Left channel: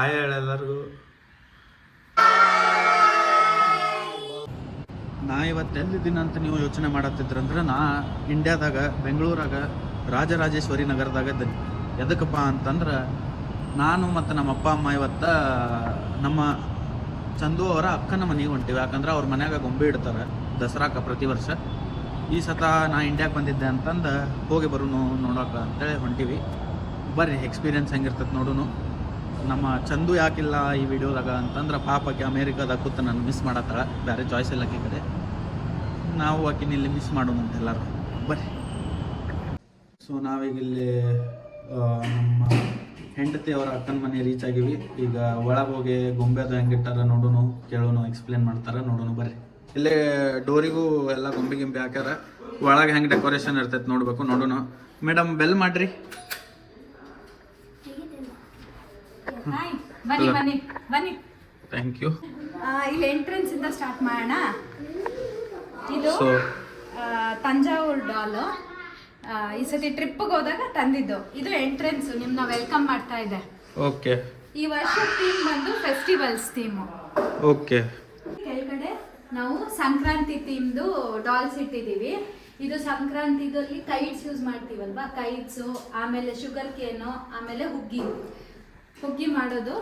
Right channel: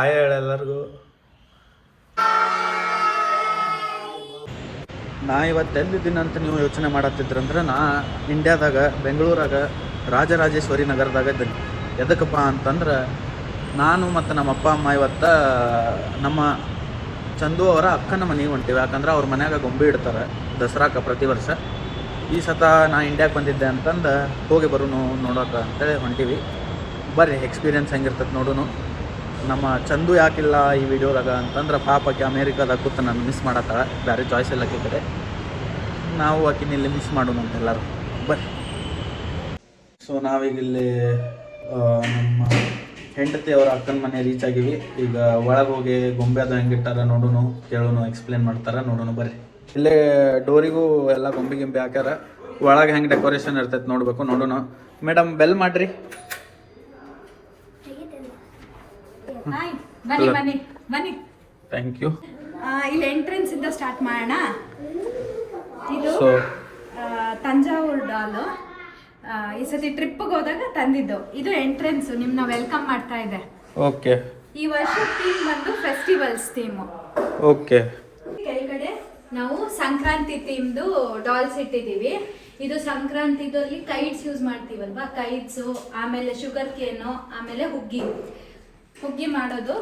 Hi ಎಲ್ಲರಿಗೂ. ನಾ ಇವತ್ತು ಎಲ್ಲಿದ್ದೀನಿ ಅಂತ ನೀವು ಯೋಚನೆ ಮಾಡತ್ತಿದ್ರಂದ್ರೆ, ನಾ ಇಂಡ್ಯಾದಾಗ ಬೆಂಗಳೂರಾಗ ರಾಜರಾಜೇಶ್ವರಿ ನಗರದಾಗ ಇದ್ದೀನಿ. ಎದಕ್ಕಪ್ಪ ಅಂತಂದ್ರೆ, ನಾನು ಮತ್ತು ನಮ್ಮ ಅಪ್ಪ ಅಮ್ಮ ಇವತ್ತು ನಮ್ಮ ಚಂದು ಅವರ ಅಕ್ಕನ ಮನೆಗೆ ಹೊಂಟಿವಿ. ಯಾಕಂದ್ರೆ ಅವ್ರ ಮನ್ಯಾಗ ಗೊಂಬೆ ಇಡ್ತಾರೆ ದಸರಾಕ್ಕೆ ಪ್ರತಿ ವರ್ಷ. ಈ ಸತ ನಾ ಇಂಡ್ಯಾಗೆ ಬಂದಿದ್ದೆ ಅಂತಂದು ಹೋಗಿ ಬರೋನು ನೋಡೋಕೆ ಅಂತೇಳಿ ಹೊಂಟಿವಿ. ಬರ್ರಿ, ಎಕ್ಸ್ಪೀರಿಯನ್ಸ್ ಹೆಂಗಿರ್ತದೆ ನೋಡೋನು. ನಮ್ಮ ಚಂದು ಯಾಕಿಲ್ಲ ಈ ವಿಡಿಯೋದಾಗ ಅಂತಂದ್ರೆ, ಪಾಪಕ್ಕೆ ಅಮೇರಿಕಾದಾಗ ಕೂತು ನಾನು ಮಿಸ್ ಮಾಡತ್ತಾಳ, ಬೇರೆ ಚಾಯ್ಸ್ ಇಲ್ಲ ಕಡೆ. ನಾವು ಆಕಿನ ಇಲ್ಲಿ ಮಿಸ್ ಮಾಡೋಣ ಅಂತ ಎಲ್ಲರೂ ಬರ್ರಿ. ಸೊ ನಾವೀಗ ಇಲ್ಲಿ ನಮ್ಮ ಹೆಂಡತಿ ಅವರ ಅಕ್ಕನ ಮನೆ ರೀಚ್ ಆಗಿವಿ. ಈಗ ಒಳಗೆ ಹೋಗಿ ಗೊಂಬೆ ಅದು ಹೆಂಗಿಟ್ಟಾರ ನೋಡೋನು, ಕೇಳೋನು, ಎಕ್ಸ್ಪ್ಲೇನ್ ಮಾಡ್ತಾರ ನೋಡೋನು ಬರ್ರಿ. ಇಲ್ಲೇ ಡೋರಿಗೂ ಎಲ್ಲ ಗೊಂಬೆ ಗಿಂಬೆ ಹಾಕ್ಯಾರ. ಒಳಗೆ ಹೆಂಗೆ ಡೆಕೋರೇಷನ್ ಇರ್ತೈತೆ ನೋಡಬೇಕು, ನೋಡೋನು. ಮೇಡಮ್ ಬೆಲ್ ಮಾಡ್ರಿ. ಬನ್ನಿ. Thank you. ಇಲ್ಲಿ ಎಂಟ್ರೆನ್ಸ್ ಇಂದ ಸ್ಟಾರ್ಟ್ ಮಾಡೋಣ. ಇದು ತಂಜಾವೂರ್ ಡಾಲು. ಈ ಸತಿ ಟ್ರಿಪ್ಗೆ ಹೋದಾಗ ತಂದಿದ್ದು. ಇದು ಎಂಟ್ರೆನ್ಸ್ ನಿಮ್ನ ವೆಲ್ಕಮ್ ಮಾಡ್ತಾ ಇದೆ. ಓಕೆ. ಈ ವರ್ಷ ಥೀಮ್ ಬಂದು ಫೆಸ್ಟಿವಲ್ಸ್ ಥೀಮು. ಓಕೆ. ಕೆಳಗಡೆ ನಾವು ಸಂಕ್ರಾಂತಿ ಥೀಮ್ದು ಡಾಲ್ಸ್ ಇಟ್ಟಿದ್ದೀವಿ. ಇದು ಸಂಕ್ರಾಂತಿದಲ್ಲಿ ಕೈಟ್ಸ್ ಯೂಸ್ ಮಾಡ್ತೀವಲ್ವಾ, ಕೈಟ್ಸು, ಆಮೇಲೆ ಶುಗರ್ ಕೇನು, ಆಮೇಲೆ ಹುಗ್ಗಿ ಮಾಡೋದು,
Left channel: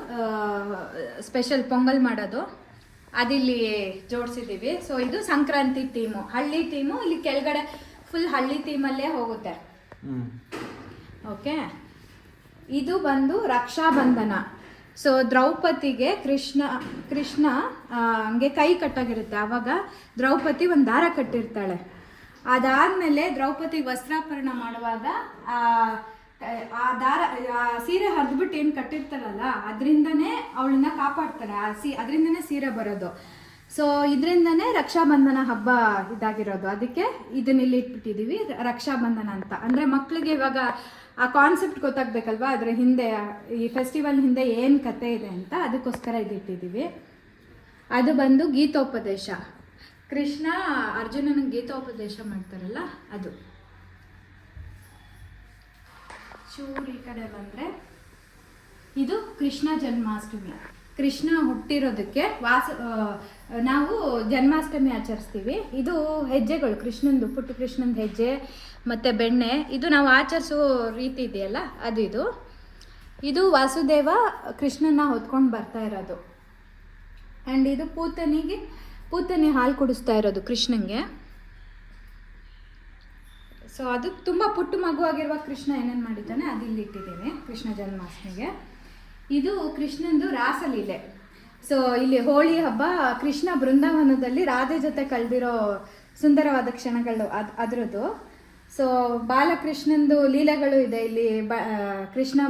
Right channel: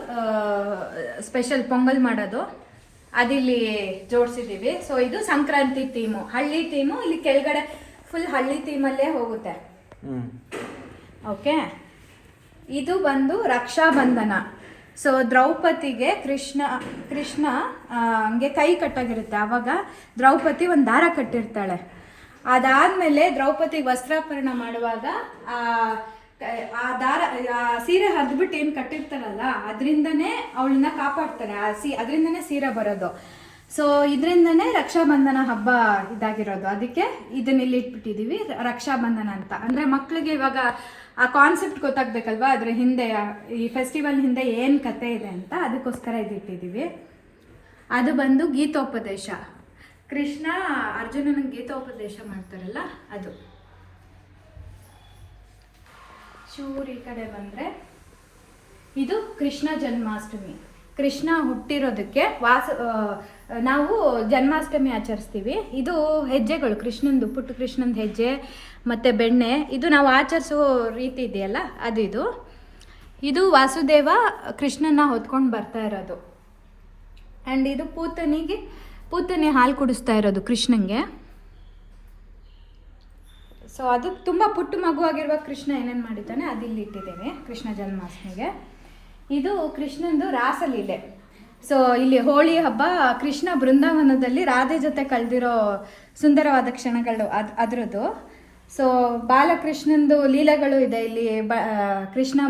ಸ್ಪೆಷಲ್ ಪೊಂಗಲ್ ಮಾಡೋದು, ಅದಿಲ್ಲಿ ಜೋಡಿಸಿದ್ದೀವಿ. ಸೊ ಇದು ಸಂಕ್ರಾಂತಿ ಥೀಮು, ಹಳ್ಳಿ ಥೀಮು. ಇಲ್ಲಿ ಕೆಳಗಡೆ ಫುಲ್ ಹಳ್ಳಿ ಥೀಮಲ್ಲೇ ಹೋಗುತ್ತೆ. ಓಕೆ. ಇದು ಬಂದು ರಕ್ಷಾಬಂಧನ. ಸೊ ದ್ರೌಪದಿಗೆ ಕೃಷ್ಣ ಹಂಗೆ ಕೈ ಕಟ್ಟಾಗಿರುತ್ತೆ. ಆವಾಗ ದ್ರೌಪದಿ ಒಂದು ದಾರ ಕಟ್ಟಿರ್ತಾಳೆ. ಅದಾದ್ಮೇಲೆ ದ್ರೌಪದಿಗೆ ವಸ್ತ್ರಾಪರಣ ಮಾಡುವಾಗ ಆ ದಾರ ಸೀರೆ ಹರಿದ್ಬಿಟ್ಟು ಏನು ಕಟ್ಟಿರ್ತಾರಲ್ಲ, ಅದರಿಂದನೇ ಅವಳನ್ನ ಕಾಪಾಡ್ತಾರೆ. ಅದರಿಂದನೇ ಸೀರೆ ಬರೋದು. ಸೊ ಇದರಿಂದನೇ ರಕ್ಷಾಬಂಧನ ಹಬ್ಬ ಇದಾಗಿರೋದು. ಅದಕ್ಕೆ ಇದನ್ನ ಇಲ್ಲಿ ಇಟ್ಬಿಟ್ಟಿದೀವಿ ರಕ್ಷಾಬಂಧನ ಅಂತ. ಅಂದ್ರೆ ಮಕ್ಳಿಗೆ ಇವಾಗ ಆ ಕಾನ್ಸೆಪ್ಟ್ ಗೊತ್ತಾಗ್ಬೇಕಲ್ವಾ, ಅದ್ರ ಹಿಂದೆ, ಈ ಫೆಸ್ಟಿವಲ್ ಹಿಂದೆ ಏನು ಕತೆ ಇದೆ ಅಂತ, ಅದಕ್ಕೋಸ್ಕರ ಇದಿಟ್ಟಿದ್ದೀವಿ. ಅದು ಬಂದು ಗೀತೋಪದೇಶ. ಕೃಷ್ಣ ಅರ್ಜುನನಿಗೆ ಗೀತೋಪದೇಶ ಮಾಡ್ತಾರಲ್ಲ ಅದು. ಚೂರು ಈ ಕಡೆ ಬಂದರೆ ಇದು ಕೃಷ್ಣ ಜನ್ಮಾಷ್ಟಮಿ. ಕೃಷ್ಣ ಹುಟ್ಟಿರೋದಕ್ಕೆ ನಾವು ಜನ್ಮಾಷ್ಟಮಿ ಆಚರಿಸ್ತೀವಿ. ಇದು ಹೆಜ್ಜೆಗಳು, ಕೃಷ್ಣಂದು, ಪುಟ್ಟ ಕೃಷ್ಣಂದು ಹೆಜ್ಜೆ ಮತ್ತು ಬೆಣ್ಣೆ, ಇದು ನಾವು ಆಚರಿಸೋ ರೀತಿ ಇದೆಯಲ್ಲ ಅದು. ಇದು ವಾಸುದೇವ ಕೃಷ್ಣನ ಹೊತ್ಕೊಂಡು ಬರ್ತಾ ಇರೋದು. ಆ್ಯಂಡ್ ಇದು ಪೂತನಿ ಹಾಲು ಕುಡಿಸ್ತಾ ಇರೋದು ಕೃಷ್ಣಂಗೆ. ಸೊ ಅದು ತುಂಬ ಪುಟ್ಟ ಮಗುವಾಗಿರುವ ಕೃಷ್ಣ ಏನೇನು ಮಾಡಿದ್ದಾನೆ ಅದಿಲ್ಲಿ ಇಟ್ಟಿದ್ದೇವೆ ಕೃಷ್ಣ ಜನ್ಮಾಷ್ಟಮಿಗೆ. ಇದು ಕೃಷ್ಣಂದು ರಾಸಲೀಲೆ. ಸೊ ಇಲ್ಲಿ ಹೋಳಿ ಹಬ್ಬ, ಕೃಷ್ಣ ಬೃಂದಾವನದಲ್ಲಿ ರಾಧೆ ಜೊತೆ ಕಳೆದಿರೋ ಸುಂದರವಾದ ಕ್ಷಣಗಳು ಅದರದ್ದು. ಸೊ ಬಾಲಕೃಷ್ಣಂದು ಲೀಲೆಗಳು ಇದೆ ಇಲ್ಲಿ. ಕೃಷ್ಣ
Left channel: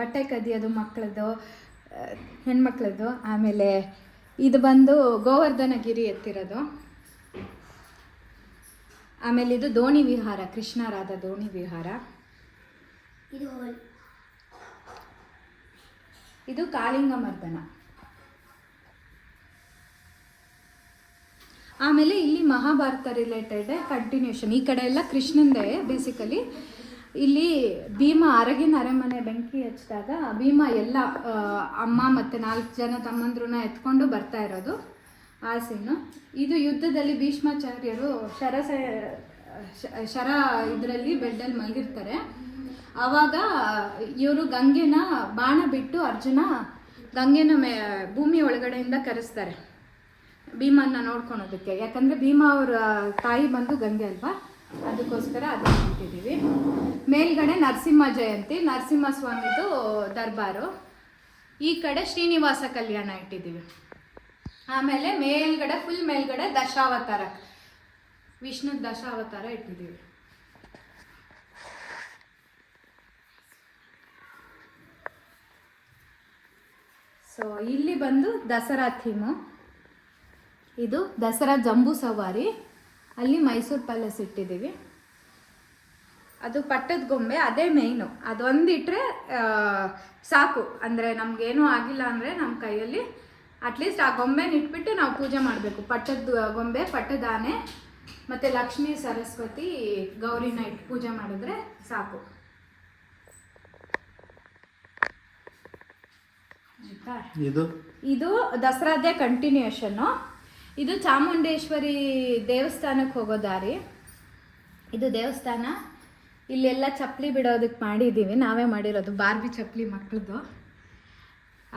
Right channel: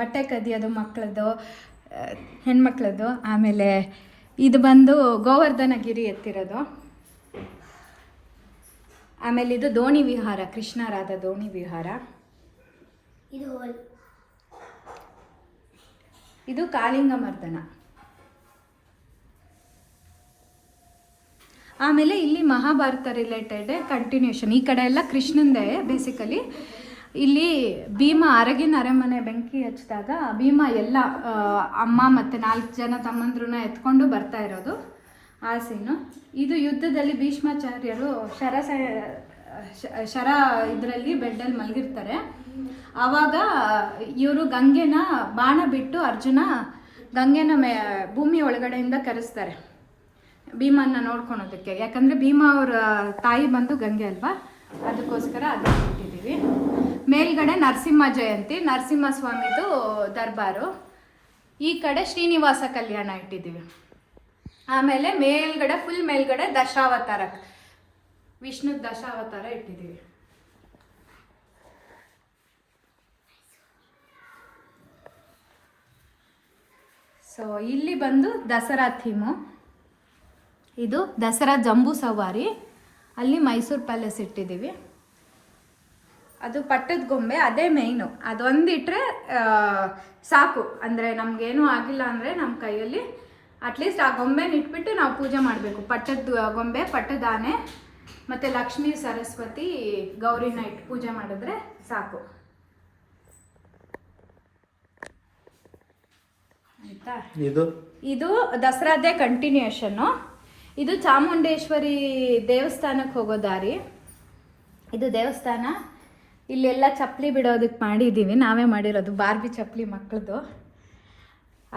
ಬಟ್ಟೆ ಕದಿಯೋದು ಮಕ್ಕಳದ್ದು, ಹೆಣ್ಮಕ್ಳದ್ದು. ಆಮೇಲೆ ಇದು ಬಂದು ಗೋವರ್ಧನಗಿರಿ ಎತ್ತಿರೋದು. ಆಮೇಲೆ ಇದು ದೋಣಿ ವಿಹಾರ, ಕೃಷ್ಣರಾದ ದೋಣಿ ವಿಹಾರ. ಇದು ಕಾಳಿಂಗ ಮರ್ದನ. ಆಮೇಲೆ ಇಲ್ಲಿ ಮಹಾಭಾರತ ರಿಲೇಟೆಡ್ ಕಂಟಿನ್ಯೂಷನ್. ಈ ಕಡೆ ಎಲ್ಲ ಕೃಷ್ಣಂದೇ ಬೇಸಿಕಲಿ. ಇಲ್ಲಿ ಭೀಮ ಅರಗಿನ ಅರಮನೆ ಬೆಂಕಿ ಹಚ್ಚಿದಾಗ ಭೀಮ ಎಲ್ಲ ಅಮ್ಮ ಮತ್ತು 4 ಜನ ತಮ್ಮಂದ್ರನ್ನ ಎತ್ಕೊಂಡು ಬರ್ತಾ ಇರೋದು ಆ ಸೀನು. ಇದು ಯುದ್ಧದಲ್ಲಿ ಭೀಷ್ಮಾಚಾರ್ಯರು ಶರ ಇದರಲ್ಲಿ ಬೆಡ್ಡಲ್ಲಿ ಮಲಗಿರ್ತಾರೆ. ಆವಾಗ ಇವರು ಗಂಗೆನ ಬಾಣ ಬಿಟ್ಟು ಅರ್ಜುನ ಗಂಗೆನ ಭೂಮಿ ಒಳಗಡೆಯಿಂದ ಕರೆಸ್ತಾರೆ ಭೀಮನ್ನ ನೋಡ್ಕೊಳೋದಕ್ಕೆ. ಯಾಕಂದರೆ ಭೀಮ ಅವರ ತಾಯಿ ಬಂದು ಗಂಗೆ ಅಲ್ವಾ, ಅದಕ್ಕೋಸ್ಕರ ಅದನ್ನು ಇಟ್ಟಿದ್ದೀವಿ. ಮೇಲ್ಗಡೆ ನರಸಿಂಹ ಜಯಂತಿ, ನರಸಿಂಹ ಸ್ವಾಮಿದು ದರ್ಬಾರು. ಈ ಕಡೆ ಶ್ರೀನಿವಾಸ ಕಲ್ಯಾಣ ಇಟ್ಟಿದ್ದೀವಿ. ಆಮೇಲೆ ಮೇಲ್ಗಡೆ ಫುಲ್ ಮೇಲ್ಗಡೆ ದಶಾವತಾರ, ವಿಷ್ಣು ದಶಾವತಾರ ಇಟ್ಟಿದ್ದೀವಿ. ಸೊ ಇಲ್ಲಿ ಬಂದು ದಸರಾ ಥೀಮು. ಇದು ದಸರಾ ಜಂಬೂ ಸವಾರಿ. ಅಲ್ಲಿ ಮೈಸೂರು ಪ್ಯಾಲೇಸ್ ಇಟ್ಟಿದ್ದೀವಿ. ಅದು ಪಟ್ಟದ ಗೊಂಬೆ, ಅದೇ ಮೇಯ್ನು. ಅದೊಂದಿಟ್ರೆ ಸಾಕು. ಅಂದರೆ ನಮಗೇನೂ ಆಗಿಲ್ಲ ಅಂದರೆ ನಮ್ಮ ಕೈಯಲ್ಲಿ ಅಟ್ಲೀಸ್ಟ್ ಆ ಗೊಂಬೆನ ಇಟ್ಬಿಟ್ಟು ನಾವು ಪೂಜೆ ಮಾಡಬೇಕು. ಪಟ್ಟದ ಗೊಂಬೆ, ಪಟ್ಟದ ಆನೆ ಮತ್ತು ಲಕ್ಷ್ಮೀ ಸರಸ್ವತಿ ಗೌರಿನ ಇಟ್ಟು ಪೂಜೆ ಮಾಡಿದ್ರೆ ಸಾಕು. ಆಯ್ತಾ. ಇದು ಇದು ದಸರಾದೇ ಕಂಟಿನ್ಯೂಷನ್ನು. ಇದು ಚಾಮುಂಡೇಶ್ವರಿ ದೇವಸ್ಥಾನಕ್ಕೆ ಹೋಗೋ ದಾರಿ. ಇದು ದೇವಸ್ಥಾನ. ಇಲ್ಲೆಲ್ಲ ಚಪ್ಪಲಿ ಬಿಡೋದಕ್ಕೆ ಮಾಡಿದ್ದೀವಿ, ನಾವೇ ಮಾಡಿರೋದು, ಬಾರ್ಬಿ ಚಪ್ಪಲಿ ಮಕ್ಕಳದು.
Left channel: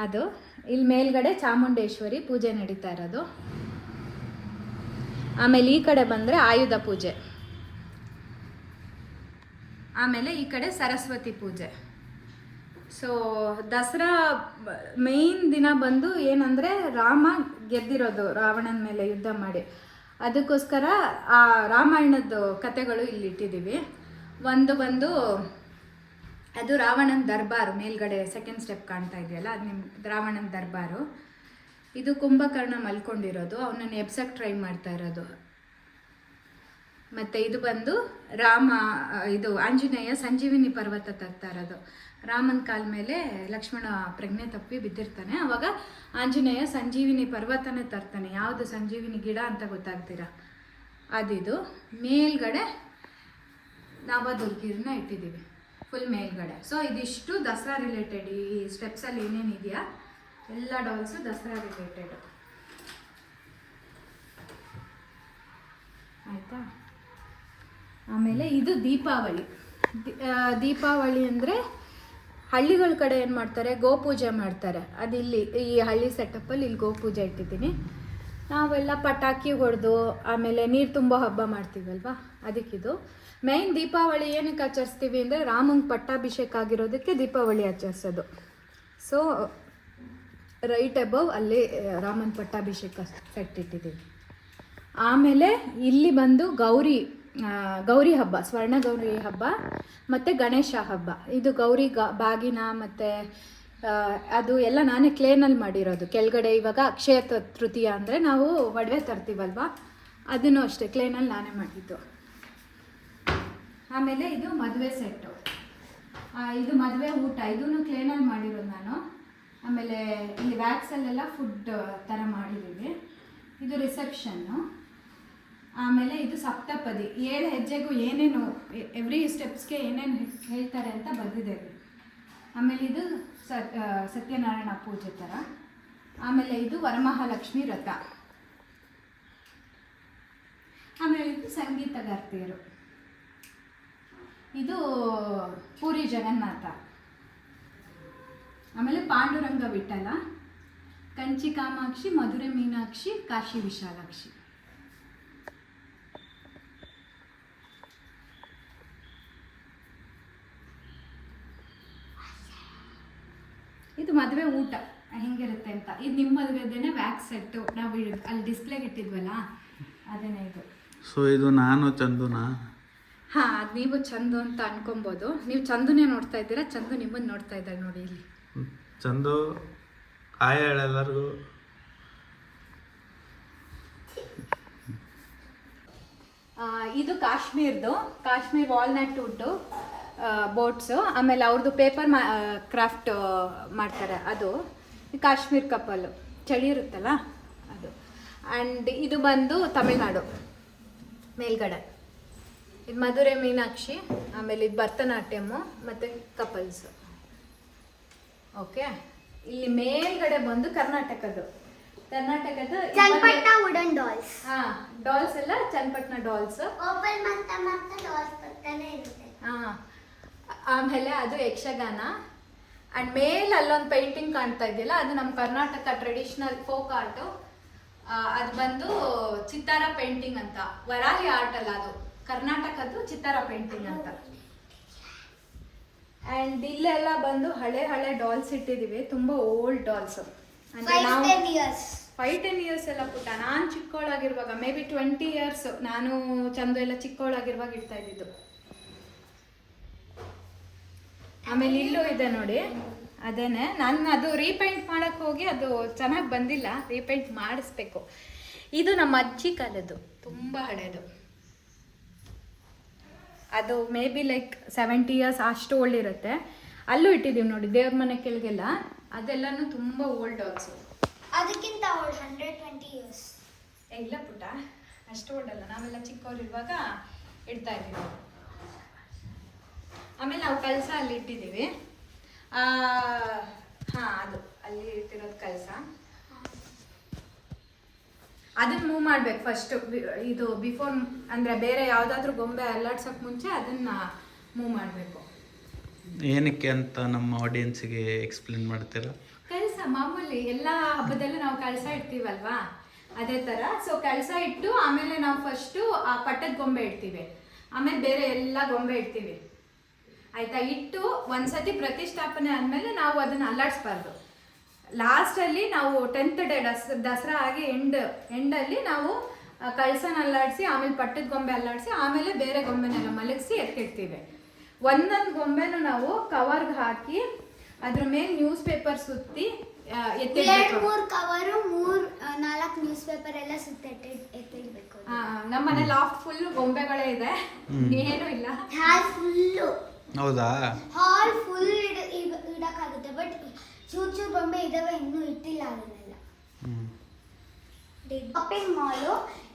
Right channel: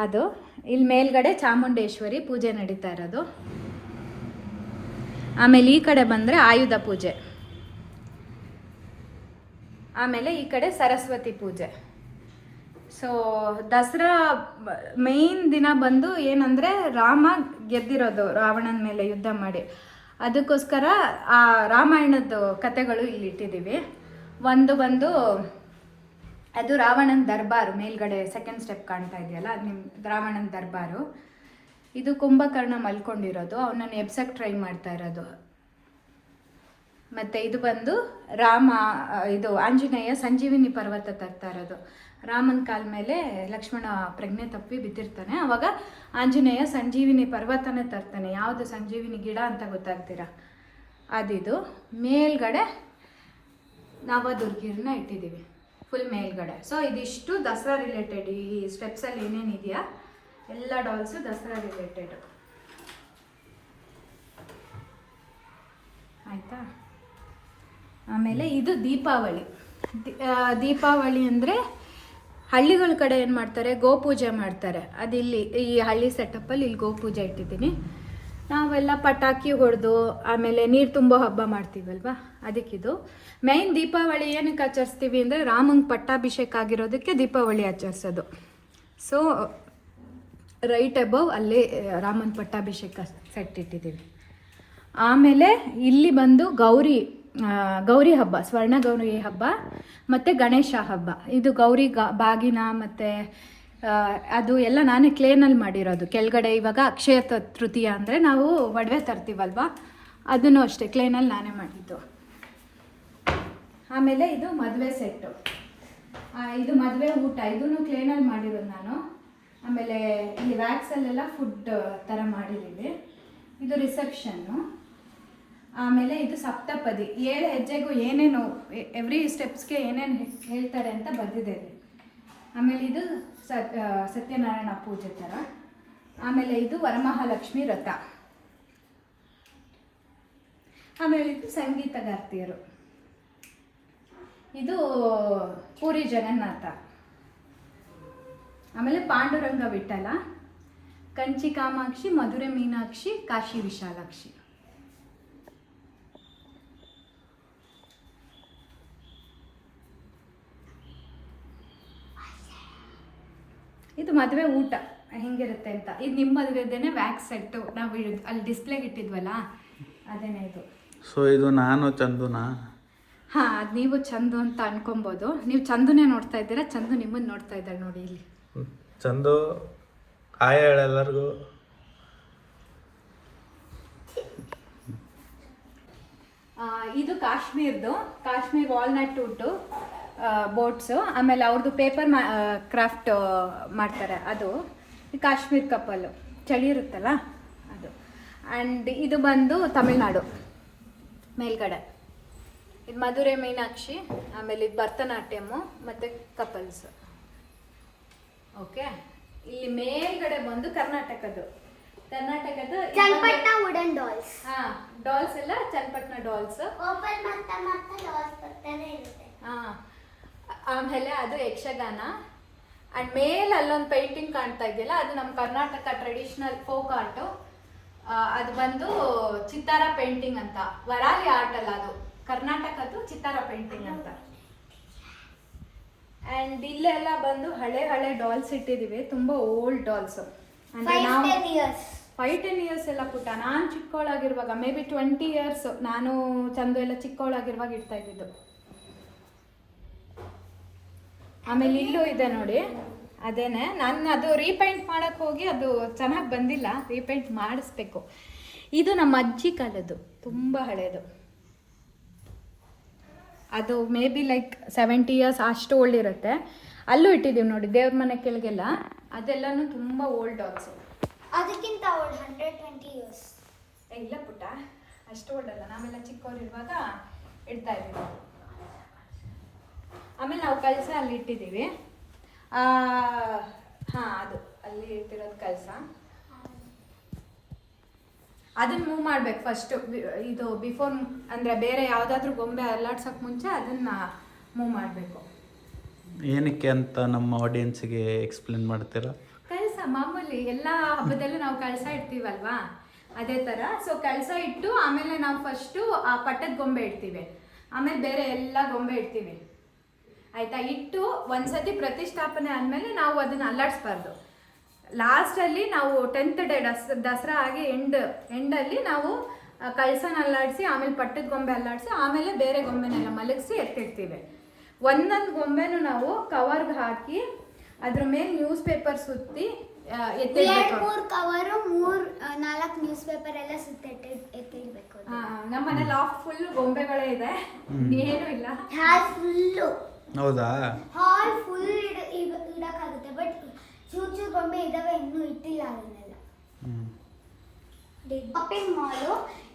ಅದು ಇಲ್ಲಿ ಮೇಲ್ಗಡೆ ಚಾಮುಂಡೇಶ್ವರಿ ಪೂಜೆ ನಡೀತಾ ಇರೋದು. ಆಮೇಲೆ ಈ ಕಡೆ ಬಂದರೆ ಆಯುಧ ಪೂಜೆ, ಆಮೇಲೆ ಈ ಕಡೆ ಸರಸ್ವತಿ ಪೂಜೆ. ಸೊ ದಸರಾ ಮೇಯ್ನ್ ದಿನ ಬಂದು ಏನಂದರೆ ರಾಮ ಗೆದ್ದಿರೋದು ರಾವಣನ ಮೇಲೆ ಯುದ್ಧ ಮಾಡಿ, ಅದಕ್ಕೋಸ್ಕರ ಆ ರಾಮಾಯಣದ ಕಥೆಗಳು ಇಲ್ಲಿ ಇಟ್ಟಿದ್ದೀವಿ. ಒಂದು ಬಂದು ಅದು ರಾವಣನ ದರ್ಬಾರು, ಮೇಲ್ಗಡೆ ಸೆಕೆಂಡ್ ಸ್ಟೆಪ್ ಕಾಣ್ತಾ ಇದೆಯಲ್ಲ, ಅದು ನಿಮ್ಮ ರಾವಣನ ದರ್ಬಾರು. ಇದು ಕುಂಭಕರ್ಣ ಮಲ್ಕೊಂಡಿರೋದು, ಅವನನ್ನು ಎಬ್ಸಕ್ಕೆ ಟ್ರೈ ಮಾಡ್ತಾ ಇರೋದು. ಮತ್ತು ಇದು ಬಂದು ಇದು ಆಂಜನೇಯ ಸಂಜೀವಿನಿ ಪರ್ವತ ತರ್ತಾ ಇರೋದು. ರಾಮನ ಕಾಲ ಮೇಲೆ ಲಕ್ಷ್ಮಣ ಪ್ರಜ್ಞೆ ತಪ್ಪಿ ಬಿದ್ದಿರ್ತಾನೆ, ಅವಾಗ ಆಂಜನೇಯ ಸಂಜೀವಿನಿ ಪರ್ವತನೇ ತರ್ತಾನೆ. ಯಾವುದು ಸಂಜೀವಿನಿ ಗಿಡ ಅಂತ ಗೊತ್ತಾಗ್ತೀರಾ, ಅದಿದು. ಮೇಲ್ಗಡೆ ನವದುರ್ಗಿರನ್ನ ಇಟ್ಟಿದ್ದೀವಿ ಫುಲ್ ಮೇಲ್ಗಡೆ. ಸೊ ಇದಿಷ್ಟು ದಸರಾ ರಿಲೇಟೆಡ್. ಈ ಸ್ಟೆಪ್ಸಲ್ಲಿ ಏನೇನಿದೆಯಾ ಎಲ್ಲ ಡಾಲ್ಸು ದಸರಾ ರಿಲೇಟೆಡ್, ಆಯಿತಾ. ಆಮೇಲೆ ಇದು ದೀಪಾವಳಿ. ದೀಪಾವಳಿ ಅಂದರೆ ಹಳ್ಳಿಗಳ ಕಡೆ ಏನು ಮಾಡ್ತಾರೆ, ಗೋಪೂಜೆ ಮಾಡ್ತಾರೆ. ಅದಿಲ್ಲಿ ಈ ಹಳ್ಳಿ ಸೆಟಪ್ಪಲ್ಲಿ ಇಲ್ಲಿ ಗೋಪೂಜೆ ಇಟ್ಟಿದ್ದೀನಿ. ನಾವೆಲ್ಲ ಪಟಾಕಿ ಹೊಡೆದು ಆಮೇಲೆ ನೀರು ತುಂಬೋ ಹಬ್ಬ ಮಾಡ್ತೀವಲ್ವ, ಅದಕ್ಕಿದು ಮೇಯ್ನ್. ದೀಪಾವಳಿ ಏನಕ್ಕೆ ಆಚರಿಸ್ತೀವಿ ಅಂದರೆ ರಾಮಂಗೆ ಪಟ್ಟಾಭಿಷೇಕ ಆಗಿರೋದಕ್ಕೆ ದೀಪಾವಳಿ ಆಚರಿಸೋದು. ಸೊ ರೈಟ್ ಅಬೌವ್ ಅಲ್ಲಿ ರಾಮನ ಪಟ್ಟಾಭಿಷೇಕ ಸೆಟ್ ಇಟ್ಟಿದ್ದೀವಿ. ಆಮೇಲೆ ಇಲ್ಲಿ ಬಂದು ಗೌರಿ ಹಬ್ಬ, ಸ್ವರ್ಣ ಗೌರಿ ಹಬ್ಬ ಮತ್ತು ಗಣೇಶ ಹಬ್ಬ. ಇದು ಗೌರಿ ಬಾಗಿನ ಮತ್ತು ಅದು ಎಲ್ಲ ನಾನೇ ಕ್ಲೇನಲ್ಲಿ ಮಾಡಿರೋದು. ಕೆಳಗಡೆ ಇವಾಗ ಅಕ್ಷಯ ತೃತೀಯ ಅಂದರೆ ನಾವು ಒಡವೆ ತರ್ತೀವಲ್ವ, ಅದನ್ನು ಅಷ್ಟೇ ಕ್ಲೇನಲ್ಲಿ ನಾನೇ ಮಾಡಿದ್ದು. ಆಮೇಲೆ ಇದು ಮದುವೆ ಸೆಟ್ಟು, ಇದು ಮದುವೆ ಊಟ, ಇದನ್ನು ಕ್ಲೇನಲ್ಲಿ ಮಾಡಿರೋದು ನಾನು. ಆಮೇಲೆ ಇಲ್ಲಿ ವ್ಯಾಕ್ಸಲ್ಲೆಲ್ಲ ಫುಡ್ ಥರ ಮಾಡಿದ್ದೀವಿ. ಇದು ರಿಸೆಪ್ಷನ್ನು. ಆಮೇಲೆ ಇದು ಸಪ್ತಪದಿ, 7 ಹೆಜ್ಜೆಗೂ ಏನೇನು ಎವ್ರಿ ಸ್ಟೆಪ್ಸ್ಗೆ ಏನೇನು ಹೇಳ್ತಾರೆ ಅಂತ ಬಂದಿದೆ. ಆಮೇಲೆ ಇದು ಸತ್ಯನಾರಾಯಣ ಪೂಜೆ ಥರ. ಆಮೇಲೆ ಇದು ವರಮಹಾಲಕ್ಷ್ಮಿ ವ್ರತ. ಆಮೇಲೆ ಇದು ಸಂಗೀತಗಾರ್ತಿಯರು. ಇದು ಪೂರಿ ಜಗನ್ನಾಥ. ಆಮೇಲೆ ಪಾಂಡುರಂಗ ವಿಠಲ, ಕಂಚಿ ಕಾಮಾಕ್ಷಿ, ಮಧುರೆ ಮೀನಾಕ್ಷಿ, ಕಾಶಿ ವಿಶಾಲಾಕ್ಷಿ. ಇದು ಮದುವೆ ಊಟ ಹೆಂಗಿರುತ್ತೆ ಅಂತ. ಇದು ನಿಮ್ಮ ಮದುವೆದೇನೆ ವ್ಯಾಕ್ಸ್ ಸೆಟ್ಟು, ನಾವು ಅಲ್ಲಿ ಡಿಸ್ಪ್ಲೇಗೆ ಇಟ್ಟಿದ್ವಲ್ಲ ಅದೇನೇ ಇದು. ಸೊ ಇದು ನಾನು ಚಂದುನಾ? ಹಾಂ, ಅದು ನೀವು ಚಂದು ಅಂತ ಅನ್ಕೊಬೋದು. ನೀವು ಚಂದುನೇ ನೋಡ್ತಾ ಇದ್ದೀರಾ, ಚಂದು ನಿಮ್ಮನ್ನು ನೋಡ್ತಾ ಇದ್ದಾಳೆ ನೋಡಿ ಇಲ್ಲಿ. ಚಂದು ಆಯ್ ಎಲ್ಲರಿಗೂ. ಇದು ಕಾಶ್ಮೀರ್ ವಾಲ್ನಟ್ ವುಡ್ಡು ಬೋಟ್ಸು. ಆಮೇಲೆ ಅವ್ರದ್ದು ಪೇಪರ್ ಕ್ರಾಫ್ಟ್ ಮಾಡ್ತಾರೆ, ಅದು ಕಾಶ್ಮೀರ್ ಕಪ್ಪಲು, ಚಳಿ ಇರುತ್ತಲ್ಲ ಅದು. ಆ್ಯಂಡ್ ಇದು ಬಂದು ತಮಿಳ್ನಾಡು ಮೇಲ್ಗಡೆ. ಇದು ಮಧುರೆ ಮೀನಾಕ್ಷಿ, ಆಮೇಲೆ ಇದು ಭರತನಾಟ್ಯಮ್ಮು ಮತ್ತು ಕಪಲ್ಸ್. ಓಕೆ, ಇಲ್ಲಿ ಮೇಲ್ಗಡೆ ಬಂದು ಕರ್ನಾಟಕದ್ದು ಚನ್ನಪಟ್ಟಣ ವುಡನ್ ಡಾಲ್ಸ್. ಹಾಂ, ಡಾಲ್ಸ್ ಎಲ್ಲ ಚನ್ನಪಟ್ಟಣ ಡಾಲ್ಸ್. ಓಪನ್ ಮತ್ತೆ ಡಾಲ್ಸ್ ಬರ್ತಾನೆ ಇರುತ್ತೆ. ಹಾಂ, ಆಮೇಲೆ ಅದು ಯಕ್ಷಗಾನ. ಆ್ಯಂಡ್ ಮೇಲೆ ಅಲ್ಲೊಂದು ಪೇಂಟಿಂಗ್ ಕಾಣ್ತಾ ಇದೆಯಲ್ಲ, ಅದು ನಮ್ಮ ಕರ್ನಾಟಕ ಟ್ರೆಡಿಷ್ನಲ್ ಫೋಕ್ ಆರ್ಟು. ಅದು ಬಂದು ಚಿತ್ತಾರ ಪೇಂಟಿಂಗ್ ಅಂತ, ವರಾಲಿ ಆರ್ಟ್ ಅಲ್ಲ, ಅದು ಕರ್ನಾಟಕದ್ದು ಚಿತ್ತಾರ ಪೇಂಟಿಂಗ್ ಅಂತ. ಆ್ಯಂಡ್ ಇಲ್ಲೆಲ್ಲ ಬಂದು ಹಳೆ ಡಾಲ್ಸ್ ಇಟ್ಟಿದ್ದೀವಿ, ತುಂಬ ಓಲ್ಡ್ ಡಾಲ್ಸ್. ಅಂದರೆ ನಾವು 5-10 ಇಯರ್ಸ್ ಎಲ್ಲ ಪುಟ್ಟ, ನಾನು ಚಿಕ್ಕವಳಾಗಿರುವಾಗ, ಮೇ ಬಿ 20 ಇಯರ್ಸ್, ನಾನು ಚಂದು ಎಲ್ಲ ಚಿಕ್ಕವಳಾಗಿರುವಾಗ ಇಡ್ತಾ ಇದ್ದಿದ್ದು. ಆಮೇಲೆ ಇಲ್ಲೂ ಇದೆ ನೋಡಿ, ಅದೇನೆ. ನಾನು ಅದು ರೀಪೇಂಟ್ ಮಾಡೋಕ್ಕೆ ಹೋಗಿ ಅದು ಚೆನ್ನಾಗಿ ಬಂದಿಲ್ಲ, ರೀಪೇಂಟ್ ಮಾಡಿಸ್ಬೇಕು. ಇದು ನಮ್ಮ ಅಜ್ಜಿ ಕಾಲದ್ದು, ತುಂಬ ಹಳೆಯದು. ಅದು ಮೇ ಬಿ ಲೈಕ್ 70 ಇಯರ್ಸ್ ಅಷ್ಟು ಓಲ್ಡ್ ಇರುತ್ತೆ. ಅಲ್ಲೂ ಇಟ್ಟಿದ್ದೀವಿ ನೋಡಿ, ದೇವ್ರ ಮನೆ ಕೆಳಗೆಲ್ಲ, ಅದೆಲ್ಲನೂ ತುಂಬ ಓಲ್ಡ್ ಡಾಲ್ಸು. ಅದಕ್ಕಿಂತ ಓಲ್ಡ್ 120 ಇಯರ್ಸ್. ಇಲ್ಲ ಪುಟ್ಟ, ಅಷ್ಟು ಓಲ್ಡ್ ಅಲ್ಲ, ನಾವೆಲ್ಲ ಚಿಕ್ಕವರಿರುವಾಗ ಇಡ್ತಾ ಇದ್ದೀವಿ. ಆಮೇಲೆ ನಾವು ಕಳಸ ಅಲ್ಲಿ ಇಟ್ಟಿದ್ದೀವಿ. ಹಾಂ, ಅದು ಅಲ್ಲಿ ಇಟ್ಟಿರೋದು ಕಳಸ. ಅದನ್ನ ಮೂವ್ ಮಾಡ್ಬೇಕು ಫಸ್ಟ್. ಇದು ಬಿಫೋರ್ ಅಂದ್ರೆ ಬೇರೆ ಯಾವ್ದಾದ್ರು ಗೊಂಬೆ ಅಲ್ಲಾಡ್ಸಕ್ ಮುಂಚೆ ಅದನ್ನ ಮೂವ್ ಮಾಡ್ಬೇಕು. ಏನಕ್ಕೆ ಅಂತ ನಮ್ಮ ಆಡಿಯನ್ಸ್ಗೆ ಎಕ್ಸ್ಪ್ಲೇನ್ ಮಾಡ್ತೀರಾ? ಕಳಸ ಮಾಮೂಲಿ ಎಲ್ಲಾ ಹಬ್ಬದಲ್ಲೂ ನಾವು ಕಳಸ ಇಡ್ತೀವಲ್ವಾ, ಅದೇ ತರ. ಸೊ ಕಳಸ ಇಟ್ಟು ಆಮೇಲೆ ನಾವು ಫಸ್ಟು ಆ ಪಟ್ಟದ ಗೊಂಬೆ ಇಡ್ತೀವಿ, ಆಮೇಲೆ ಬೇರೆ ಎಲ್ಲ ಗೊಂಬೆ ಇಡ್ತೀವಿ ಆಯ್ತಾ. ಇಟ್ಟು ಒಂದ್ಸತಿ ಪ್ರತಿಷ್ಠಾಪನೆ ಆದ್ಮೇಲೆ ನಾವು ಅದನ್ನ ಅಲ್ಲಾಡಿಸ್ಬಾರ್ದು. ಲಾಸ್ಟಲ್ಲಿ ನಾವು 10th ಡೇ ದಸರಾ ಆಗಿ ಎಂಡಲ್ಲಿ ನಾವು ಕಳಸನ ಅಲ್ಲಾಡಿಸಿ ಆಮೇಲೆ ಪಟ್ಟದ ಗೊಂಬೆ ಅಲ್ಲಾಡಿಸಿ ಆಮೇಲೆ ಬೇರೆ ಗೊಂಬೆನೆಲ್ಲ ಮಲಗಿಸಿ ಎತ್ತಿಡ್ತೀವಿ. ಒಂದೊಂದು ಗೊಂಬೆನೂ ನಾವು ಕವರ್ಗೆ ಹಾಕಿ ಅದ್ರ ಮೇಲೆ ನ್ಯೂಸ್ ಪೇಪರ್ ಸುತ್ತಿ ಎತ್ತಿಡ್ಬೇಕು. 2-3 ಕವರು 4 ನ್ಯೂಸ್ ಪೇಪರ್ ಎಲ್ಲ ಎತ್ತಿಡ್ಬೇಕು. ನಮ್ಮ ಮನೆ ಲಾಫ್ಟ್ ಫುಲ್ ಗೊಂಬೆಗಳೇ ಇದೆ, ಏನೂ ಇಲ್ಲ. ಹಾಲ್ ಫುಲ್ಲು. ಹೌದಾ? ಹಾಲ್ ಫುಲ್ ಇಡಕ್ಕಾಗುತ್ತೆ, ಬಟ್ ಚೂರು ಗೊಂಬೆ ಇದಾವೆ, ಇನ್ನೂ ಇಟ್ಟಿಲ್ಲ ಅದನ್ನೆಲ್ಲ. ಶಾಪಿಂಗ್ ಮಾಲು,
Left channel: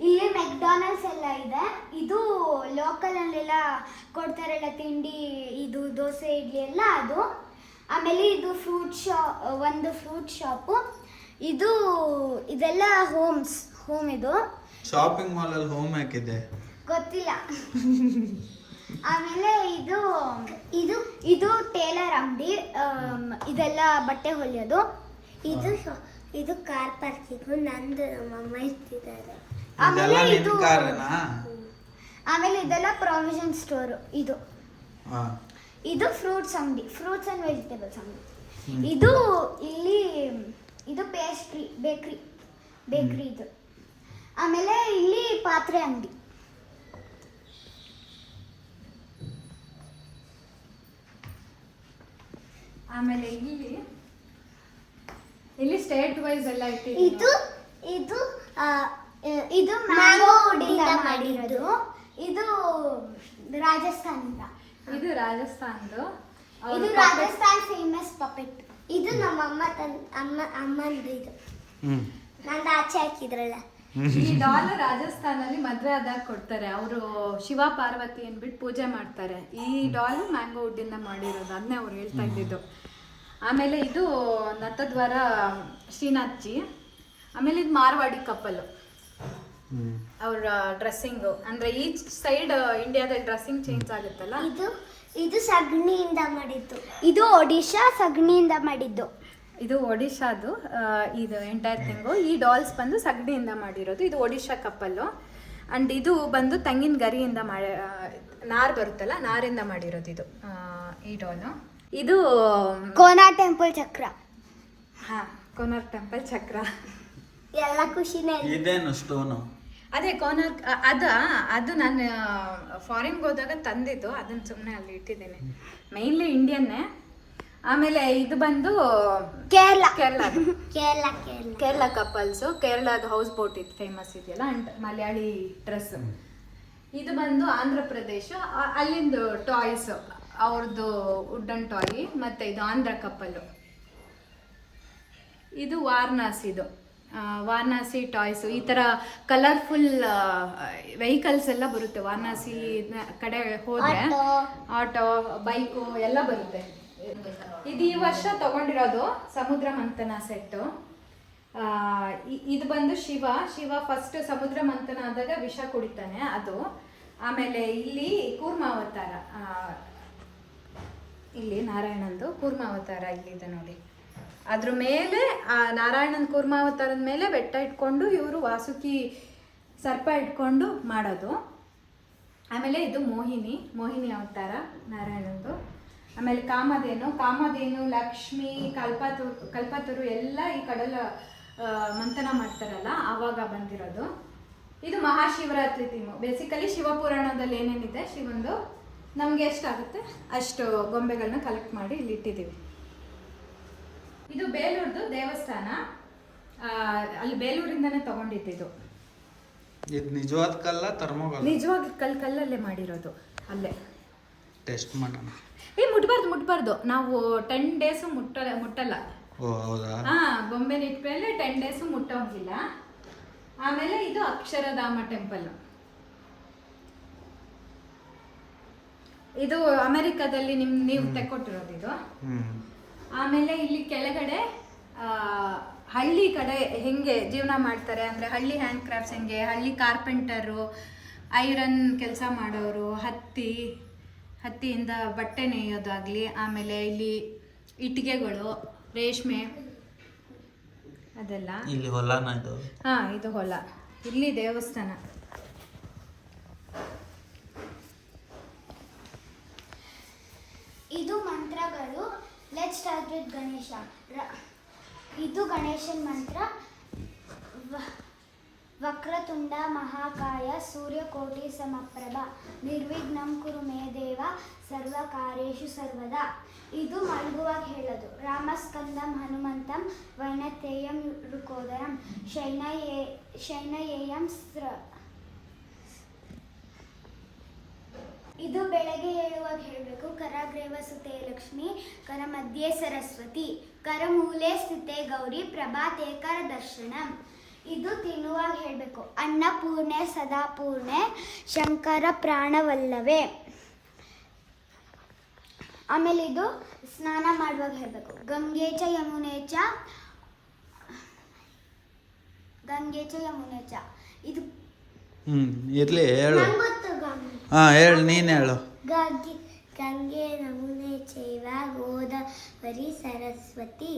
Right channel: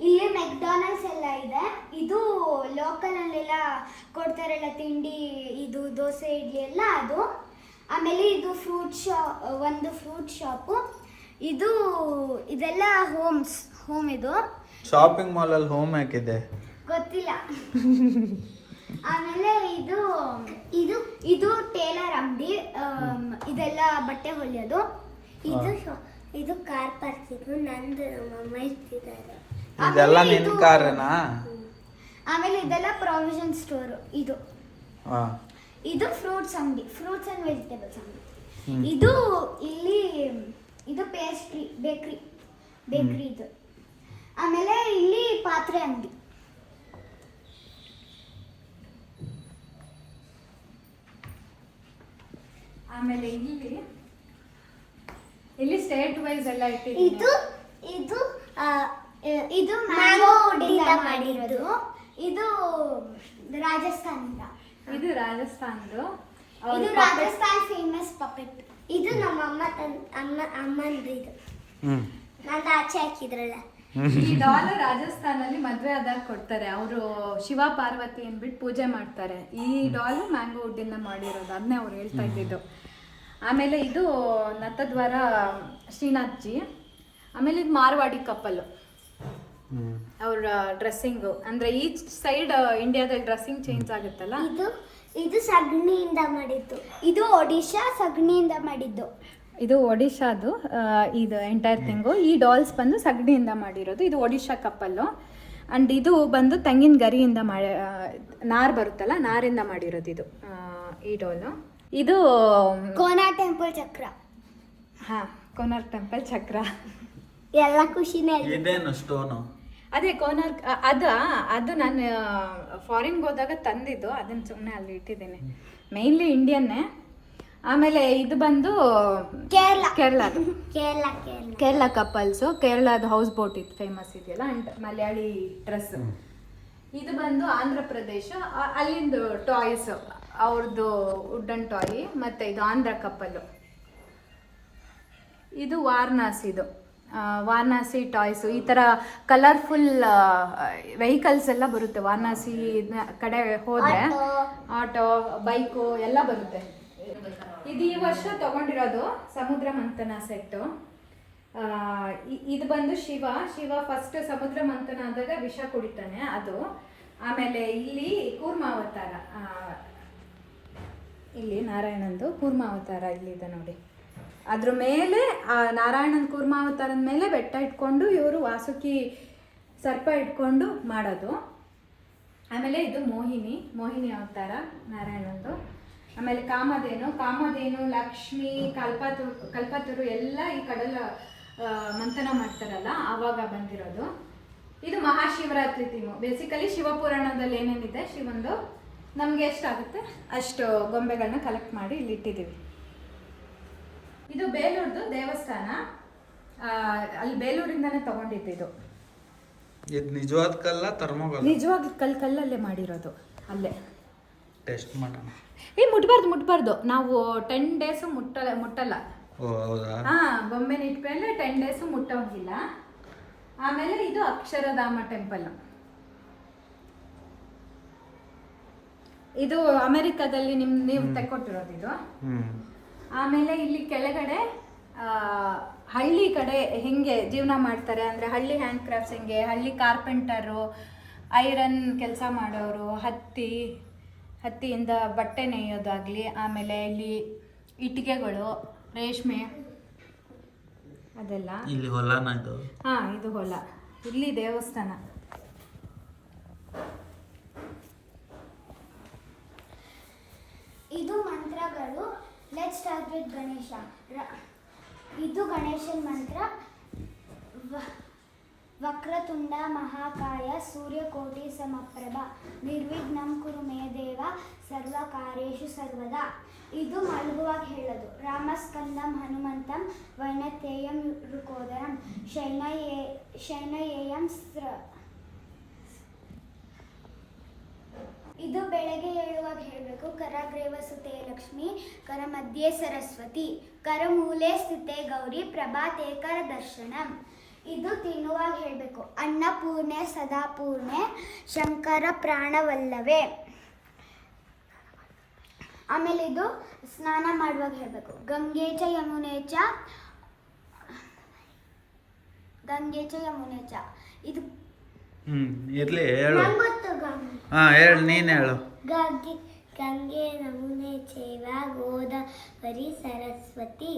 ಇಲ್ಲಿ ಮೆಕ್ಡಾನಲ್ಡ್ಸ್ ಎಲ್ಲ ಇದೆ. ಇದು ಲೋಕಲ್ ಅಲ್ಲೆಲ್ಲ ಕೊಡ್ತಾರಲ್ಲ ತಿಂಡಿ, ಇದು ದೋಸೆ ಇಡ್ಲಿ ಎಲ್ಲ ಅದು. ಆಮೇಲೆ ಇದು ಒಂದು ಫ್ರೂಟ್ ಶಾಪು. ಇದೆಲ್ಲ ಹೋಮ್ ಇದು. ಶಾಪಿಂಗ್ ಮಾಲ್ ಅಲ್ಲಿ ಹೋಮ್ ಹಾಕಿದೆ ಗೊತ್ತಿಲ್ಲ. ಆಮೇಲೆ ಇದು ಟೇಲರ್ ಅಂಗಡಿ, ಇದೆಲ್ಲ ಬಟ್ಟೆ ಹೊಲಿಯೋದು. ಇದು ಕಾರ್ ಪಾರ್ಕಿಂಗ್, ನಂದು ನಮ್ಮಮ್ಮ ಇರ್ತಿದ್ದಾರೆ. ಇದೆಲ್ಲ ನಿನ್ ಕಾರನಾ? ಆಮೇಲೆ ಇದೆಲ್ಲ ಪ್ರಾವಿಷನ್ ಸ್ಟೋರ್. ಇದು ಫ್ರೂಟ್ಸ್ ಅಂಗಡಿ, ಫ್ರೂಟ್ಸ್ ಅಂಡ್ ವೆಜಿಟೇಬಲ್ಸ್ ಅಂಗಡಿ. ಇದು ಪೇಸ್ಟ್ರಿ ಬೇಕ್ರಿ ಇದು. ಆಮೇಲೆ ಇಲ್ಲಿ ಪಾತ್ರೆ ಅಂಗಡಿ. ಆಮೇಲೆ ಇಲ್ಲಿ ಸ್ಟೇಟ್ ವೈಸ್ ಎಲ್ಲ ಇಟ್ಟಿದ್ದೀವಿ. ಇದು ಮ್ಯಾಂಗೋ ವುಡ್ಡಿಂದ ಮಾಡಿರೋದು. ಇದು ರಾಜಸ್ಥಾನದ. ಇದು ರಾಜಸ್ಥಾನದು. ಇದು ರಾಜಸ್ಥಾನ್ ಫೇಮಸ್ ಪಪೆಟ್. ಇದು ನಮ್ಮ ಅಮ್ಮಂದು. ಇದು ನಂದು ಆಚೆ ಹಾಕಿದ್ರಲ್ಲ. ಈ ಡಾಲ್ ರಾಜಸ್ಥಾನಲ್ಲಿ ಮದ್ವೆ ಆದಾಗ ಕೊಡ್ತಾರೆ, ಅವರು ಶಿವ ಪಾರ್ವತಿ ಅಂದ್ಬಿಟ್ಟು ಪೂಜೆ ಮಾಡ್ತಾರೆ. ಈ ಡಾಲ್ ಮ್ಯಾಂಗೋ ವುಡ್ಡಿಂದ ಮಾಡಿರೋದು, ಅದನ್ನೇ ಅವ್ರು ಹೇಳ್ತಾ ಇದ್ದಿದ್ದು. ಆಮೇಲೆ ಇದು ನತ್ತದ್ವಾರ ಶ್ರೀನಾಥ್ಜಿ. ಆಮೇಲೆ ಇದು ಮಾರ್ವಾಡಿ ಕಪ್ಪಲ್, ಅವ್ರ ಡ್ರೆಸ್ಸಿಂಗು ಅಂದ್ರೆ ಈಚ್ ಸೈಡ್ ಇಂಡಿಯಾದ ಡ್ರೆಸ್ಸಿಂಗ್ ಚೇಂಜ್ ಆಗುತ್ತಲ್ಲ. ಇದು ಸಗಣಿಯಿಂದ ಮಾಡಿದ್ದು. ಇದು ಒಡಿಶಾ ಸಗಣಿಯಿಂದ ಮಾಡಿದ್ದು. ಇದು ಒಡಿಶಾದು ಇದು ಎಂಟೈರ್ ಥಿಂಗು. ಈ ಡಾಲ್ಸ್ ಬಂದು ಸಗಣಿಯಿಂದ ಮಾಡಿರೋದು. ಇದು ಒಡಿಶಾ ಕಪ್ಪಲ್ಲು. ಅಂಡ್ ಇದು ಬಂದು ತೆಂಗಿನ ಗರಿಯಿಂದ ನಾರ್ ಬರುತ್ತಲ್ಲ, ನಾರಿಂದ ಮಾಡಿರೋದು ಇದು ಈ ಡಾಲು. ಇದು ಕೋನಾರ್ಕ್ ಟೆಂಪಲ್ ಚಕ್ರ. ಕೋನಾರ್ಕ್ ಟೆಂಪಲ್ ಚಕ್ರ ಎಲ್ಲ ಖುಷಿನೇ. ಇದೇನು ಸ್ಟೋನು? ಅದೇ ಕೋನಾರ್ಕ್. ಅದು ನಾನು ಫಾರಿನ್ಗೆ ಹೋದಾಗ ತಂದಿದ್ದು, ಅದನ್ನ ಸುಮ್ಮನೆ ಅಲ್ಲಿ ಇಟ್ಟಿದ್ದೀನಿ. ಮೇನ್ಲಿ ಇಂಡಿಯನ್ನೇ. ಆಮೇಲೆ ಇದು ಬಂದು ಕೇರಳ ಕಪಲ್ಸು. ಕೇರಳದ ಹೌಸ್ ಬೋಟ್ ಇದು ಫೇಮಸ್ ಇದೆಯಲ್ಲ, ಅಂಡ್ ಮಲಯಾಳಿ ಡ್ರೆಸ್. ಇದು ಬಂದು ಆಂಧ್ರ ಪ್ರದೇಶ, ಅಲ್ಲಿಂದು ಟಾಯ್ಸ್, ಅವ್ರದ್ದು ವುಡನ್ ಟಾಯ್. ಮತ್ತೆ ಇದು ಆಂಧ್ರ ಕಪ್ಪಲ್ಲು. ಇದು ವಾರಣಾಸಿ ಟಾಯ್ಸು. ಈ ಥರ ಕಲರ್ಫುಲ್ ವೆಹಿಕಲ್ಸ್ ಎಲ್ಲ ಬರುತ್ತೆ ವಾರಣಾಸಿ ಕಡೆ ಹೋದರೆ. ಆಟೋ, ಬೈಕು ಎಲ್ಲ ಬರುತ್ತೆ. ಇದು ಈ ವರ್ಷ ತಗೊಂಡಿರೋದು ಸಮುದ್ರ ಮಂಥನ ಸೆಟ್ಟು. ಇದು ಬಂದು ಶಿವ ಫಸ್ಟ್ ಸಮುದ್ರ ಮಂಥನ ಆದಾಗ ವಿಷ ಕುಡಿತಾನೆ ಅದು. ಆಮೇಲೆ ಇಲ್ಲಿ ಕೂರ್ಮಾವತಾರ, ಇಲ್ಲಿ ನಾರಾಯಣಂದು ಕೂರ್ಮಾವತಾರ ಇಲ್ಲಿದೆ ನೋಡಿ. ಅದ್ರ ಮೇಲೆ ನಾರಾಯಣನ ಕೂರ್ಮಾವತಾರದ ಮೇಲೆ ಬೆಟ್ಟ ಇಟ್ಕೊಂಡು ಇವರು ವಾಸುಕಿ ಸರ್ಪ ಇಟ್ಕೊಂಡು ಮಾಡೋದು. ಆಮೇಲೆ ಇದು ಮೋಹಿನಿ ಅವತಾರ ನಾರಾಯಣಂದು. ಆಮೇಲೆ ಕಾಮಧೇನು, ಲಕ್ಷ್ಮಿ, ಕಲ್ಪತರು ಎಲ್ಲ ಈ ಕಡಲ ಮಂಥನ ಮಾಡ್ತಾರಲ್ಲ ಆವಾಗ ಬಂದಿರೋದು. ಇದು ಮಹಾಶಿವರಾತ್ರಿ ಥೀಮು. ಬೇಸಿಕಲಿ ಶಿವಪುರಾಣದಲ್ಲಿ ಏನೇನಿದೆ ಶಿವಂದು, ನಮಗೆ ಎಷ್ಟಾಗುತ್ತೆ ಅಷ್ಟು ಗೊಂಬೆಗಳನ್ನ ಕಲೆಕ್ಟ್ ಮಾಡಿ ಇಲ್ಲಿ ಇಟ್ಟಿದ್ದೀವಿ. ಇದು ಬೇಲೂರ್ದು ದೇವಸ್ಥಾನ, ಅಲ್ಲಿ ಬೇಲೂರಿಂದಾನೇ ತಗೊಂಡಿದ್ದು. ಇದು ನಿಜವಾದ ಕಲ್ಲ ಥರ್ಮೋಕಲ್ಲ? ನಿಜವಾದ ಕಲ್ಲಲ್ಲೇ ಮಾಡಿರೋದು, ಅಲ್ಲೇ. ಟೆಸ್ಟ್ ಮಾಡೋಣ. ಮುಟ್ಬಾರ್ದು. ನಾವು 10 days ಮುಟ್ಟಲ್ಲ. ಓ ಹೌದಾ? ಗೊಂಬೆನ ಇಟ್ಮೇಲೆ 10 days ಮುಟ್ಟೋಂಗಿಲ್ಲ. ಆಮೇಲೆ ಇದು ಅಕ್ಷರಧಾಮ ಟೆಂಪಲ್. ಇದು ಅಮೆರಿಕದಲ್ಲಿ ನೀವು ತೆಕ್ಕೊಟ್ಟಿರೋದು ಇದು. ಆಮೇಲೆ ಇಲ್ಲಿ ಕೆಳಗಡೆ ಹಳ್ಳಿ ಕಡೆ ಹೆಂಗೆ ಜೀವನ ಮಾಡ್ತಾರೆ ಅಂದರೆ ಹಳ್ಳಿ ಹ್ಯಾಂಡ್ ಕ್ರಾಫ್ಟ್ಸ್ ಹೆಂಗೆ, ಹಳ್ಳಿ ಕಾರ್ಪೆಂಟರು, ಐರನ್ ಕೆಲಸ ಮಾಡೋರು, ಹತ್ತಿಯಿಂದ ಬಟ್ಟೆ ನೇಯೋದಾಗಲಿ, ಆಮೇಲೆ ಇಲ್ಲಿ ಇಟ್ಟಿಗೆಗಳು, ರೇಷ್ಮೆ ಅದೆಲ್ಲ. ಇಲ್ಲಿ ಹೊಲನ ಇದು? ಹಾಂ, ಇದು ಹೊಲ, ಇಲ್ಲಿ ದೇವಸ್ಥಾನ. ಇದು ಮಂತ್ರಗಳು. Let's start with Ganesha. ಇದು ಗಣೇಶನ ಮಂತ್ರ. ವಕ್ರತುಂಡ ಮಹಾಕಾಯ ಸೂರ್ಯಕೋಟಿ ಸಮಪ್ರಭ ನಿರ್ವಿಘ್ನಂ ಕುರು ಮೇ ದೇವ ಸರ್ವಕಾರ್ಯೇಷು ಸರ್ವದಾ. ಇದು ಮಲಗುವಾಗ ಹೇಳೋದು. ರಾಮಸ್ಕಂದಂ ಹನುಮಂತಂ ವೈನತೇಯಂ ರುಕೋದರಂ ಶೈನಯೇಯಂ ಇದು ಬೆಳಗ್ಗೆ ಹೇಳುವಾಗ ಹೇಳಬೇಕು. ಕರಗ್ರೇವ ಸುತೆ ಲಕ್ಷ್ಮಿ, ಕರ ಮಧ್ಯೆ ಸರಸ್ವತಿ, ಕರಮೂಲೆ ಸ್ಥಿತೆ ಗೌರಿ, ಪ್ರಭಾತೆ ಕರ ದರ್ಶನಂ. ಇದು ತಿನ್ನುವಾಗ ಹೇಳಬೇಕು. ಅನ್ನಪೂರ್ಣೆ ಸದಾಪೂರ್ಣೆ, ಶಂಕರ ಪ್ರಾಣವಲ್ಲವೇ. ಆಮೇಲೆ ಇದು ಸ್ನಾನ ಮಾಡುವಾಗ ಹೇಳಬೇಕು. ಗಂಗೆ ಚ ಯಮುನೆ ಚ. ಇದು ಇರ್ಲಿ ಹೇಳು. ಗೊತ್ತು. ಹೇಳು, ನೀನು ಹೇಳು. ಗಂಗೆ ಯಮುನೆ ಚೈವ ಗೋದಾವರಿ ಸರಸ್ವತಿ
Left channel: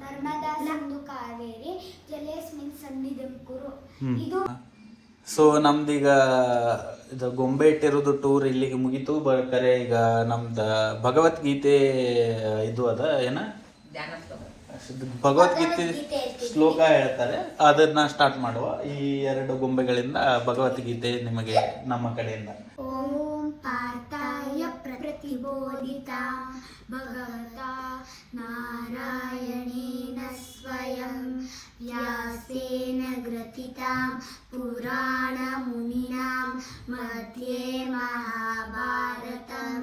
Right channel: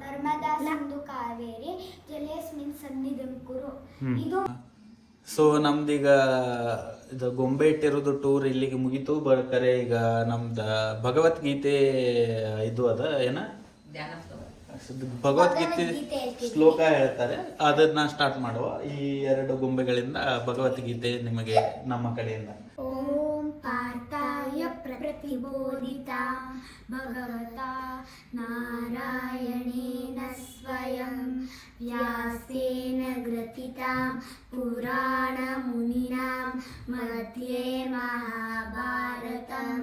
ನರ್ಮದಾ ಸಿಂಧು ಕಾವೇರಿ ಜಲೇಸ್ಮಿನ್ ಸನ್ನಿಧಿಂ ಕುರು. ಇದು ಸೊ ನಮ್ದೀಗ ಇದು ಗೊಂಬೆ ಇಟ್ಟಿರೋದು ಟೂರ್ ಇಲ್ಲಿಗೆ ಮುಗೀತು. ಬರ್ತಾರೆ ಈಗ ನಮ್ದು ಭಗವದ್ಗೀತೆ ಇದು ಅದ ಏನ ಭಗವದ್ಗೀತೆ ಶ್ಲೋಕ ಹೇಳ್ತಾರೆ, ಅದನ್ನ ಸ್ಟಾರ್ಟ್ ಮಾಡುವ. ಈ 2 ಗೊಂಬೆಗಳಿಂದ ಭಗವದ್ಗೀತೆ ನಿಮಗೆ ನಮ್ಮ ಕಡೆಯಿಂದ. ಓಂ ಪಾರ್ಥಾಯ ಪ್ರತಿಬೋಧಿತ ಭಗವತಾ ನಾರಾಯಣೇನ ಸ್ವಯಂ ವ್ಯಾಸೇನ ಗ್ರಥಿತಾಂ ಪುರಾಣ ಮುನಿನಾಂ ಮಧ್ಯೆ ಮಹಾಭಾರತಂ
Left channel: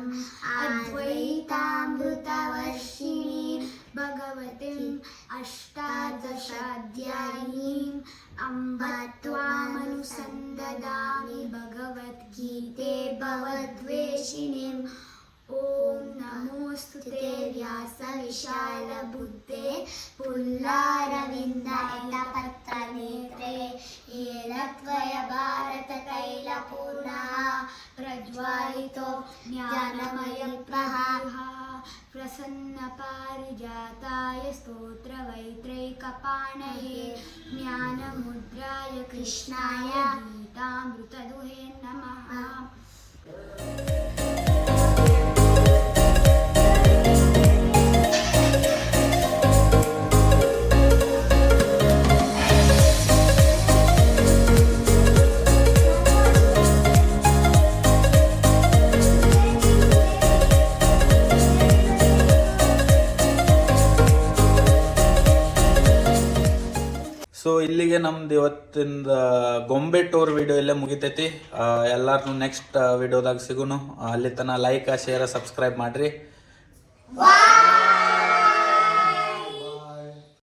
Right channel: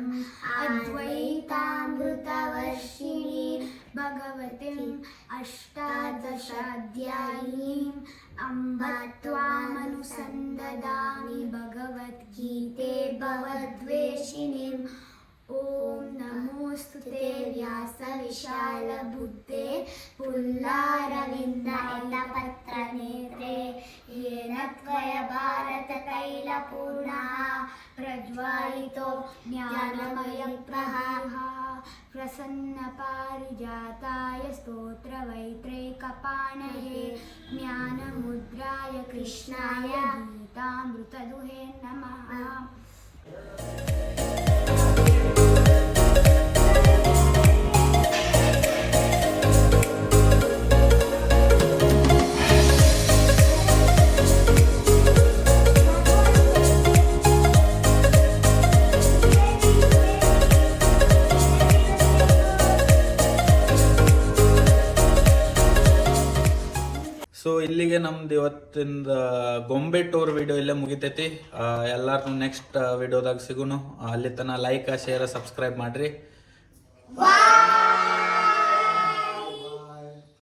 ಅದ್ವೈತಾಮೃತವರ್ಷಿಣಿ ಭಗವತಿಂ ಅಷ್ಟಾದಶಾಧ್ಯಾಯಿನೀಂ ಅಂಬ ತ್ವಾಮನುಸಂದದಾಮಿ ಭಗವದ್ಗೀತೆ ಭವದ್ವೇಷಿಣೀಂ. ಓಂ ನಮೋಸ್ತುತೆ ವ್ಯಾಸ ವಿಶಾಲ ಬುದ್ಧೇ ಪುಲ್ಲಾರವಿಂದಾಯ ಪತ್ರನೇತ್ರೇ ಯೇನ ತ್ವಯ ಭಾರತ ತೈಲಪೂರ್ಣಃ ಪ್ರಜ್ವಾಲಿತೋ ಜ್ಞಾನಮಯ ಪ್ರಹಾರಃ ಪ್ರಸನ್ನ ಪಾರಿಜಾತಾಯ ಸ್ತೋತ್ರ ವೈತ್ರೈಕಪಾಣಯೇ ಜ್ಞಾನಮುದ್ರಾಯ ಕೃಷ್ಣಾಯ ಗೀತಾಮೃತದುಹೇ ನಮಃ. ಸೊ ಇಲ್ಲಿಗೆ ನಮ್ದು ಇವತ್ತಿಂದ ಗೊಂಬೆ ಟೂರ್ ವಿಡಿಯೋ ಇಲ್ಲೇ ಮುಗಿತೈತಿ. ಎಲ್ಲಾರು ನೆಕ್ಸ್ಟ್ ವಿಡಿಯೋದಾಗ ಸಿಗುನು. ಅಲ್ಲಿ ತನಕ ಲೈಕ್, ಶೇರ್, ಸಬ್ಸ್ಕ್ರೈಬ್ ಮಾಡ್ರಿ.